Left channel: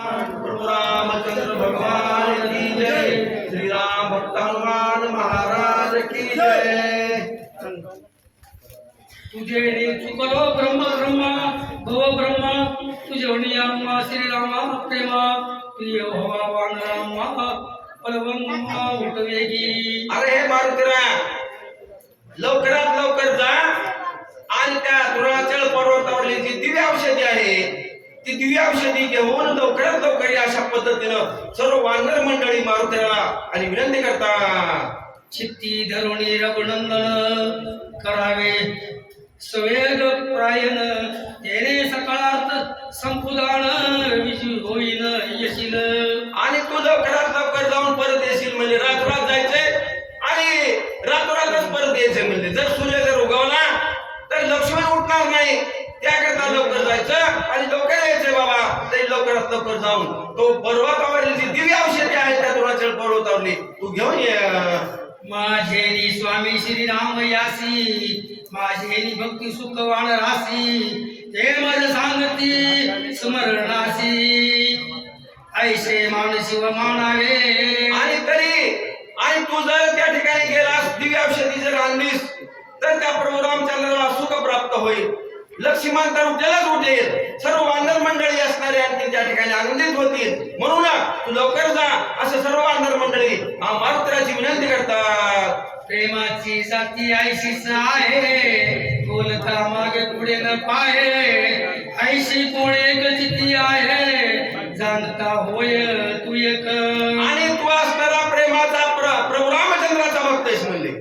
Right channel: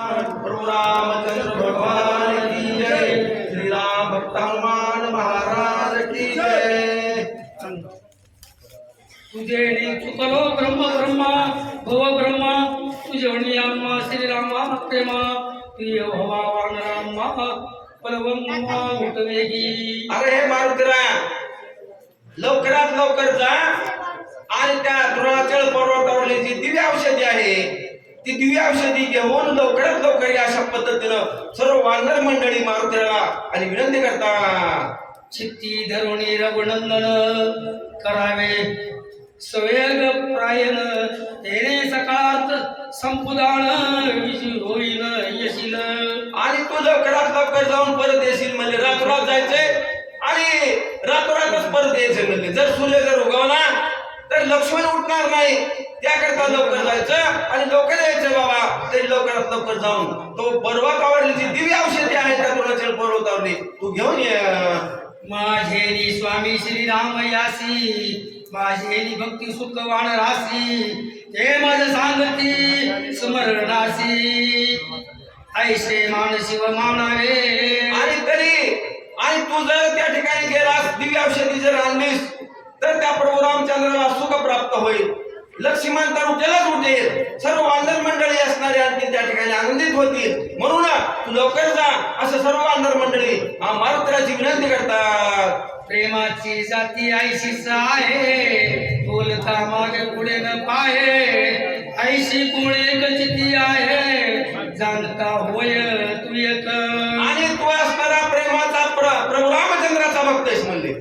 प्रभु रामचंद्र भगवान की जय। श्री राम भक्त हनुमान महाराज की जय। तुझे चुकलो ब्रह्म ब्रह्मा भव ब्रह्मा तुझे आम्हा श्रीरामा प्रेमा प्रिय भवा वानरामा पलवंगा उठवेगी। अरे हे मारुतीराया लवकरात लवकर जा. आणि त्या द्रोणाचल पर्वतावरली जी दिव्य औषधी आहे. ती दिव्य औषधी घेऊन लवकरात लवकर अशा पद्धतीनं सर्व वानर मंडळी मारुतीला आणि विनंती करता चित्ती धरुणी रघुनंदन करावे. सवेग प्रायन येणे सकाळात संपुदान विजू होईन यशील. आणि तू लवकरात लवकर जाऊन परत येशील म्हणजे रातोरात जायचंय आणि रातोरातच परत यायचंय म्हणजे. जर सूर्य जर उगवला तर लक्ष्मण उठणार नाही. त्याकरता लवकर जायचं आणि लवकर यायचंय बाबा तरी लवकरात लवकर जाऊन. तो पर्वतावरली जी दिव्य औषधी आहे त्या तुणाचल पर्वतावरली. तू घेऊन ये. माझे स्वामी श्रीराम यासी माझे भक्ती सुख वाण रासी हे माझ सांगती स्मरणासी. ऐसे मान शिव मानावे. आणि तरी आणि तू जर त्या ठिकाणी गेलास दिव्य औषधी जर आणलीस तर त्या प्रभू रामचंद्राला सुख प्राप्त होईल. लक्ष्मण उठेलच उठेल. सर्व वानर मंडळी असणारे आणखी त्या ठिकाणी आनंदित होतील. म्हणून ना तू लवकर जा. असं सर्व वानर मंडळी आ विनंती करतात. प्रेमाची जाती ऐशीच आहे बोलता मागे पुढे न पाहे. ऐशी कोण एक आहे जाणता होय तू एक आणि तू असणारा प्रेमाचा प्र- प्रभू रामचंद्राचा भक्त आहेस म्हणले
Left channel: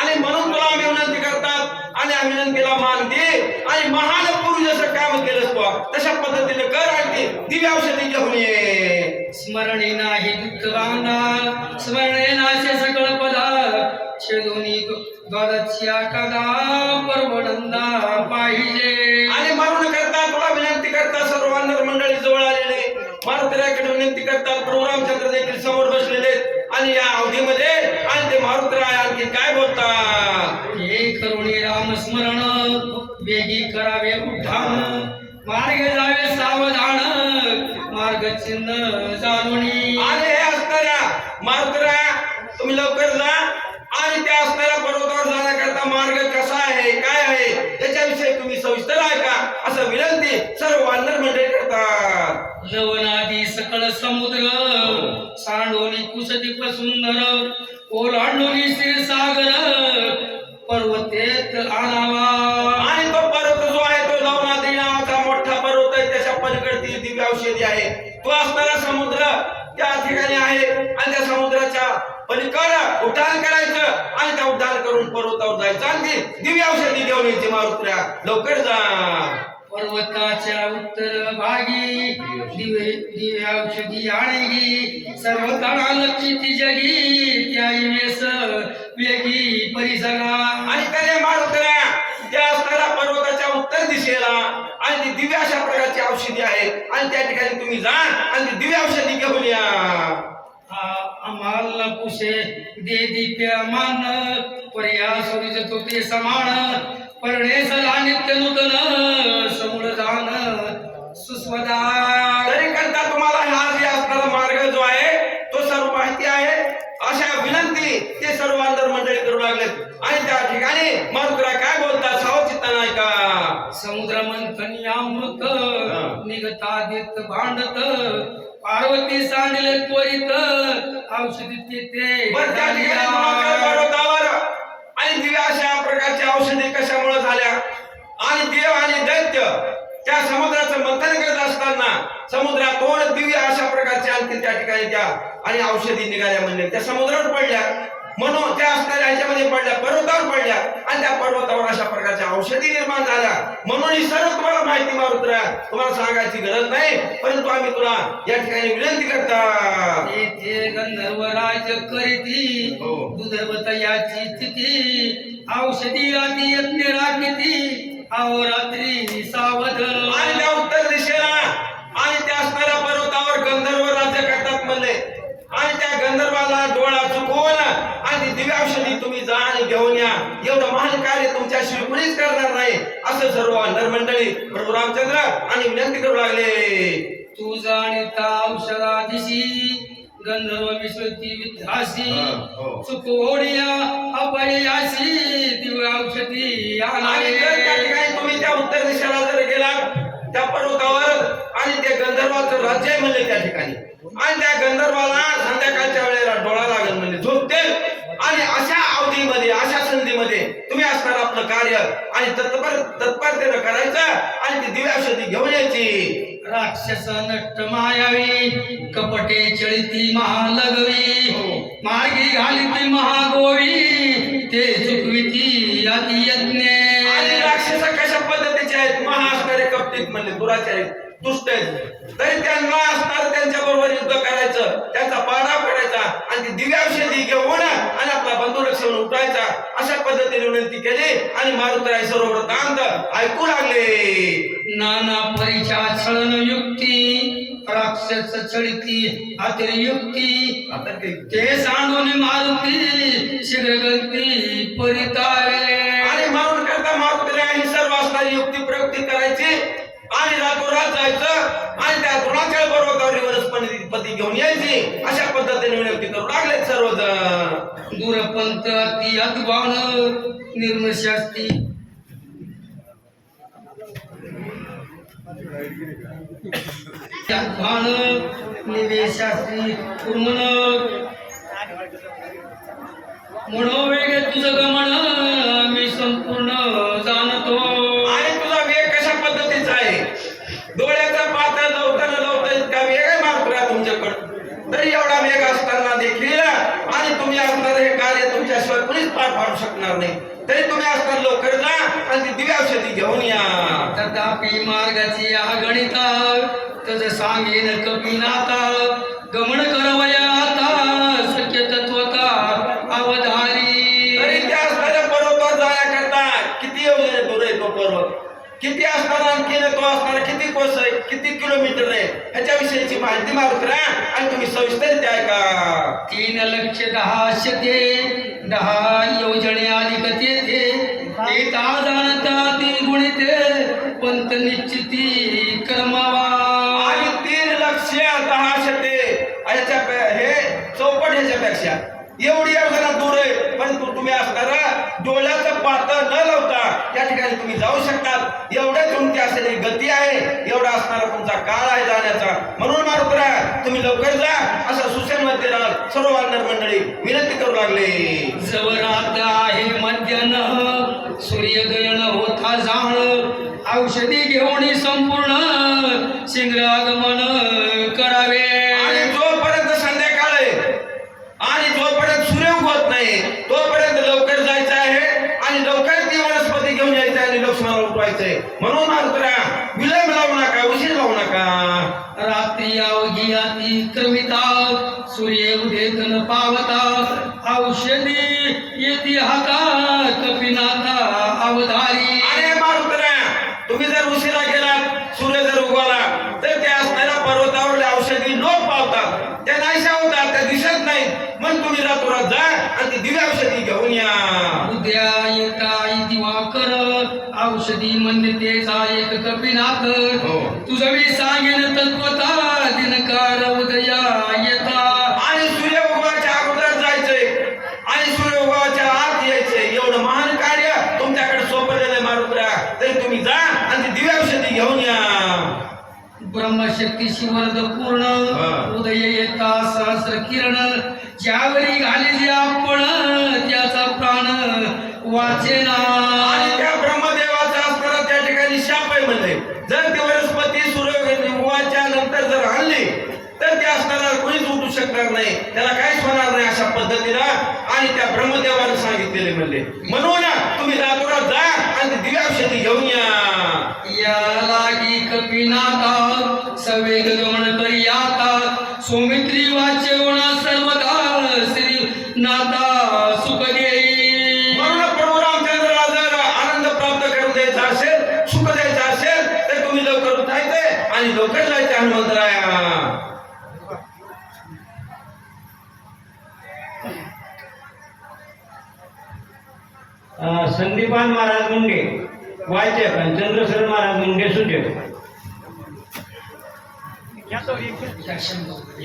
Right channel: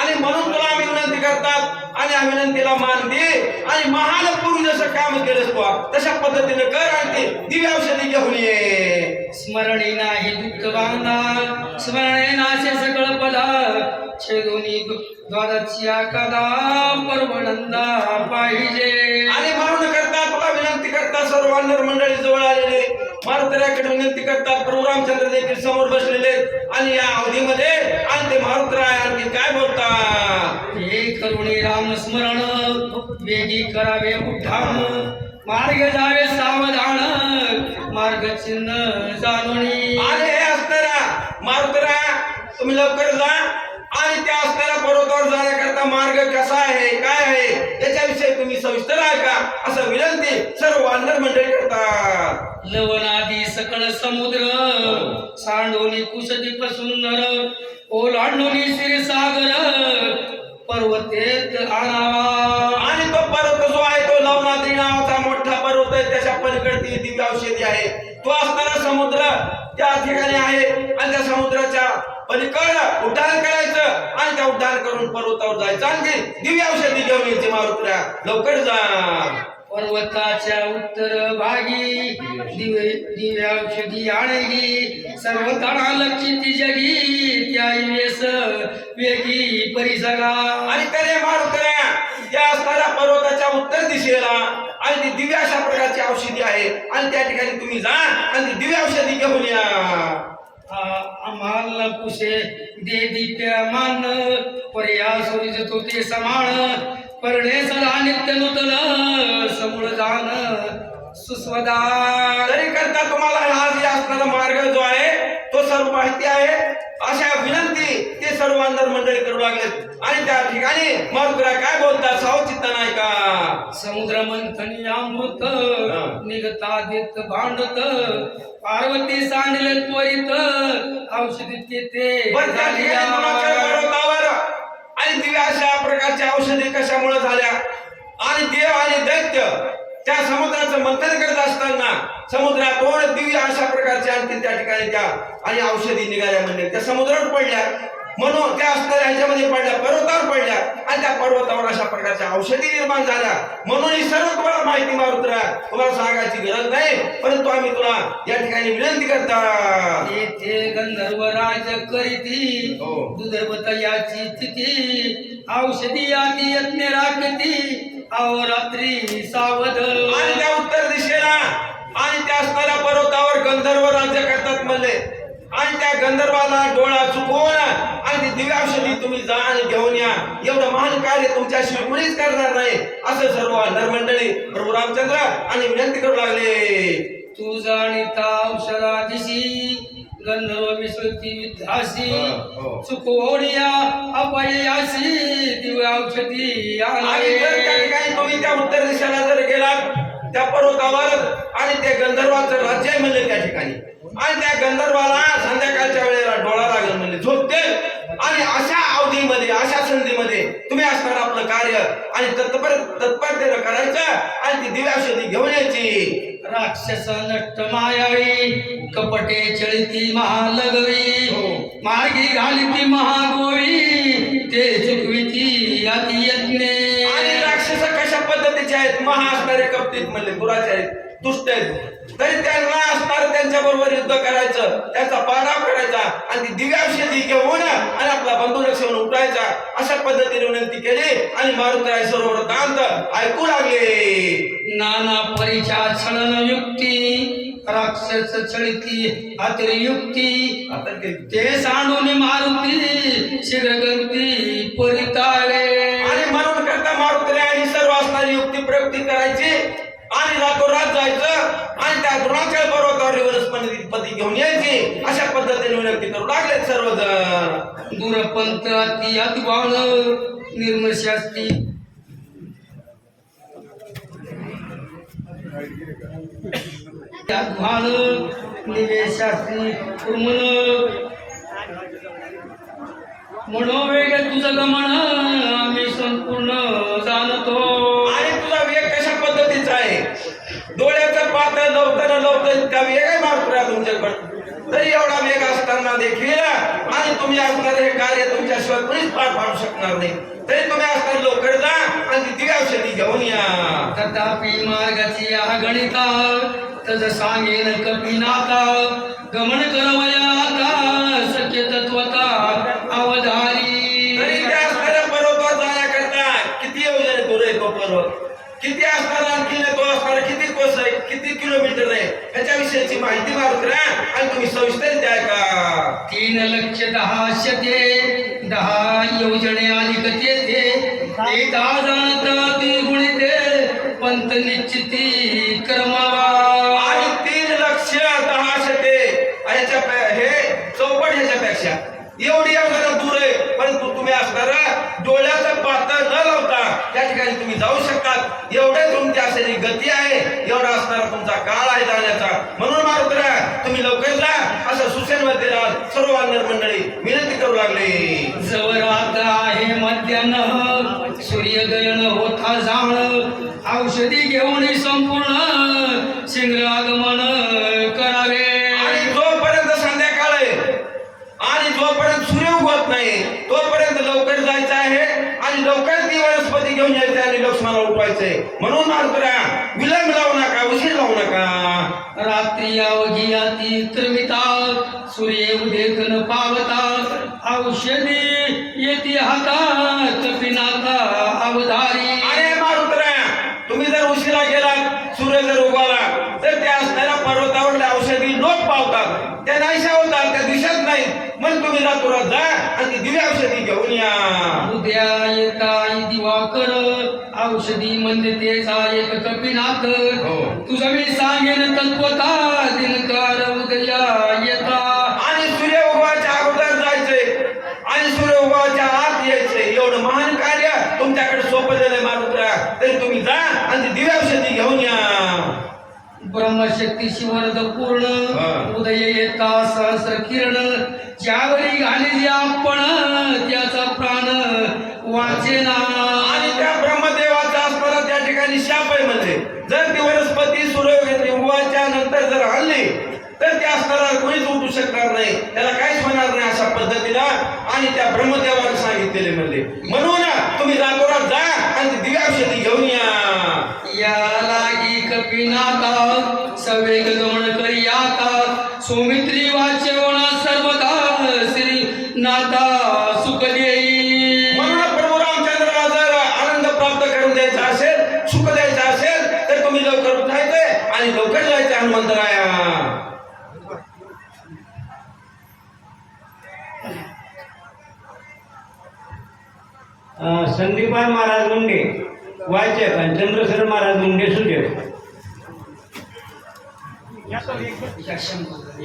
आणि म्हणून तुला आम्ही विनंती करतात आणि या विनंतीला मान दे. आणि महान पुरुष जसं काम केलंस तू तशा पद्धतीने कर आणि ते दिव्य औषधी घेऊन ये. स्मरणी नाही दुःख बांधा स्मरणे नाशे सकळ पदा. छेदोनी द्वादच्या कदा परमनंदा पाहिजे. आणि म्हणून करता तुला विनंती करता सर्व वानर मंडळी जवळ आलेले मारुतीराकडे विनंती करतात प्रभू रामचंद्र देखील समोर बसलेले. आणि या अवधीमध्ये आणि ते मारुतीराय आणखी काय बोलतात? हे करुणे राम स्मरण वेगी करावे उठाण मार्ग जावे सावधान मार्ग चिन्ह जाणवणी आणि हे असणाऱ्या मारुतरा तुम्ही लवकर जा. आणि त्या असणाऱ्या पर्वतावर जाण्याकरता मार्ग कसा आहे काय आहे त्याच्याविषयी तुम्ही सविस्तर ऐका असं विनंती सर्व वानर मंडळी करतात. लवणादी सकळ समुद्र सांडोनी कुसदीप सुंदर ओलांडोनी क्षीरसागर पर्वतेत आणावा. आणि तो पर्वत जो आहे तो लवणाद्री नावाचा मोठा पर्वत आहे. त्याच्या पलीकडे दिव्य औषधी आहे. तो असणारा समुद्र त्या ठिकाणी आहे. आणि त्या समुद्राच्या पलीकड उड्डाण करायचं आणि त्या उड्डाण करून पर्वतावर जायचं. आणि ती दिव्य औषधी घेऊन यायची मारुत्र्या लवकर जा. पर्वताच्या उत्तर भागी दिवे दिव्या औषधी आणगी सर्व लक्षित जगी त्या वेस वेगी परिसरा. आणि त्याने मारुतऱ्या त्या असणाऱ्या पर्वताच्या उत्तर दिशेला आणि ती दिव्या अशा प्रकारची औषधी आहे. आणि त्या ठिकाणी तुम्ही जा आणि ती दिव्या औषधी घेऊन या. आम्हाला पुषे दे दिप्या मान. पर्या सोरिज तो ते समान. सदा नित्य नूतन समूळ जाण सुस्वदा. तरी करता तुम्हाला हा जे असणारा मार्ग जो आहे तो सर्व माहिती आहे. अशा विनंती ते सर्व अंतर मंडळी करू लागलेत. आणि त्या ठिकाणी मारुकरा काय बोलतात सावचित्त नाही का समुद्र मंथन यामृत हा. निघता देत भांडत पार्वती सांगले त्वरित औषधी तेथे पण त्या ठिकाणी गुणाकर झाली. पर्वतावर आणि दिव्या अशा प्रकारच्या औषधी कशामुळे झाल्या आणि देव आणि दैत्य त्या समुद्राचं मंथन करत असताना समुद्रातून दिव्य अशा प्रकारच्या आणखी त्या ठिकाणी त्या आणि औषधी निघाल्या म्हणजे त्या समुद्रात पडल्या. म्हणून त्या असणाऱ्या ह्याच्यामध्ये पडल्या पर्वतावर पडल्या आणि त्या पर्वतावर अशा प्रकारच्या औषधी निर्माण झाल्या. म्हणून ही सर्व तुम्हाला माहिती मारुत्रा तुम्हाला सांगायची गरज नाही परंतु आम्ही तुला या ठिकाणी विनंती करता गंधर्व राज करीती हो. स्थिती औषधी आती यज्ञ राखती अहोरात्री सावध आणि त्या उत्तर दिशेला आणि त्या असणाऱ्या पर्वतावर गंधर्व राज्य करतात म्हणले. आणि त्या गंधर्वाला डोळा चुकवून आणि ती दिव्य औषधी तुम्ही जा आणि घेऊन या. एवढं महान कार्य तुमच्याशिवाय कुणीच करणार नाही. असं सर्व अंधर मंडळी प्रभू रामचंद्र आणि विनंती करू लागले. तू जाणीता औषधादिशी गंधर्व विश्वती विद्यासी हो, हो. चुकोडिया अपययासी दिव्य औषधी आणि जर त्या ठिकाणी तुम्ही त्या उत्तर दिशेला जर गेलात त्या पर्वतावर आणि ते गंधर्वाचं राज्य आहे म्हणले त्या ठिकाणी. आणि त्या गंधर्वाला संध्याकाळच्या वेळेला डोळा लागेल म्हणजे झोपतील. आणि अशा अवधीमध्ये अशा संधीमध्ये तुम्ही असणार आपलं कार्य आणि तत्पर तत्परतेनं करायचं आणि ती दिव्याौषधी घेऊन यायची राक्षस नष्ट मायावी कपटे चळती महालगवी हो. मार्गी घालिती महागोवी ते चुकविती अति यज्ञे आणि राक्षस कशा पद्धतीचे कपटीत म्हणले दुराचे आहेत दुष्ट आहेत. तरी त्यांना असणार त्यांच्या बरोबर युद्ध करायचं त्यांचा पाडाव करायचा आणि ती दिव्याौषधी घेऊन आणि आपला बंधू लक्षण उठायचा. अशा पद्धतीने विनंती केली आणि मारुतराय सरोवर दांत ऐकू लागले. नाना परिचा छळन युक्ती राक्षस छळती आतरी युक्ती. आता ते सांडून मारुती शीघ्रगती परितावे आणि म्हणून करता मारुतीला ही सर्व असणारी युक्ती प्रयुक्ती करायची. आणि रातोरात जायचं आणि त्या द्रोणाचार्य पर्वतावर वनस्पती घेऊन यायची. अशा पद्धतीने विनंती करू लागले सर्वजण. दूरपंत अति अद्वान निर्मशास्ती अद्वान निवेशास्त्री कुर्मन मनोवेग तुझं गमन आम्ही संपूर्ण जाणतो आणि तुझा वेग कशा पद्धतीचा आहे डोळ्याचा पातळ लवताना लवता इतका वेग आहे मारुतीला तुमच्याकडं तरी एवढा वेग असताना देखील आणि तुम्ही असणार हे कार्य तुमच्याशिवाय कोणीच पार पाडू शकणार नाही. तरी तुम्ही असणार लवकर जा आणि ती दिव्या औषधी घेऊन या. तथापि मार्गाची अगणिता तज सांगेन कपिनाथा गमन करवया सत्य तत्वता अवधारी. तरी त्या असणाऱ्या पर्वतावर जाण्याकरता किती योजने दूर आहे तो पर्वत किती असताना आणखी तो असणारा किती कोस आहे? किती किलोमीटर आहे? ह्याच्याविषयीची माहिती मारुतीला आणि तुम्ही सविस्तर द्या का तीन लक्ष दहा शते दहा योजने आली तेथे एक जाणता ती गुणिते पंत निश्चिती कर्मावा. आणि तीन लक्ष दहा शते हे चौपट ह्याच्यापेक्षा. एवढी योजना दूर आहे तुम्ही असणारा डोळ्याचं पात्र न लावता त्या ठिकाणी तुम्ही जाऊ शकतात. एवढे तुमची असलेली गती आहे एवढा असणारा तुमचा काळ आहे जाण्याचा. म्हणून मारुतरा तुम्ही लवकर जा असं सुसेनमध्ये राहाल सर्व वानर मंडळी विनंती करू लागले. जवरात आहे मध्यान्ह सूर्यगयन होता जाण. औषधी घेऊन संपूर्ण शिंग्र आगमन करावे आणि जोपर्यंत संध्याकाळ आहे आणि जोपर्यंत सूर्य उगवत नाही तोपर्यंत लवकर जायचं आहे आणि लवकर ती वनस्पती घेऊन यायचं आणि लक्ष्मणाला उठवायचंय म्हणून मारुतरा विलंब लावू नका उशीर लावू नका रात्री अवघी अति त्रमितात सूर्य पावतात औषधी येती हातात पिनाथा अवधारी. अरे मारुतरा तुम्ही जर उशिरा सूर्य जर उगवला तर त्या पर्वतावरल्या औषधी पावतात. त्या नाहीशा होतात त्या दिसत नाहीत. मग तुम्ही रातोरात जा आणि ती दिव्या औषधी घेऊन या. उद्या येता दिवाकर औषधी म्हणतेचा एक कपिनाथर हो. तुझं मी सांगेन तत्वता तरी तुम्ही जा आणि ती दिव्या औषधी घेऊन या. ब्रह्मशक्ती शिवरद. पूर्ण उदय येता सहस्र किरण. ज्यावरी घालेली आपण त्याचा प्राण वाचेना. आणि त्या ब्रह्मदेवाचा असताना त्या ठिकाणी शाप आहे म्हणले. जर ती वनस्पती सूर्य उगवायच्या नंतर जर हल्ली तर ते असणारा कोणीच उठू शकणार नाही. त्याला काहीच होणार नाही अशा पद्धतीनं आणि त्या ब्रह्मदेवाने सांगितलेले म्हणले. म्हणून तुम्ही रातोरात जा आणि ती दिव्या औषधी घेऊन या. लागी कपिनाथा सवेग गमन करी आता सौमित्री वाचवणा सर्वदा श्री नाथा सुख देई म्हणून प्रभू रामचंद्राला जर आनंद प्राप्त करून द्यायचा असेल सुख द्यायचं असेल तर तुम्ही लवकर उठायचंय आणि लवकर जायचं हनुमंतराया. अं, संदीपान महाराज मुंडे. वाचक आणि चंद्रशेखर महाराज मुंडे सूचक एका शंभर.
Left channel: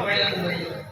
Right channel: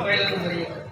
पहिला नंबर एक.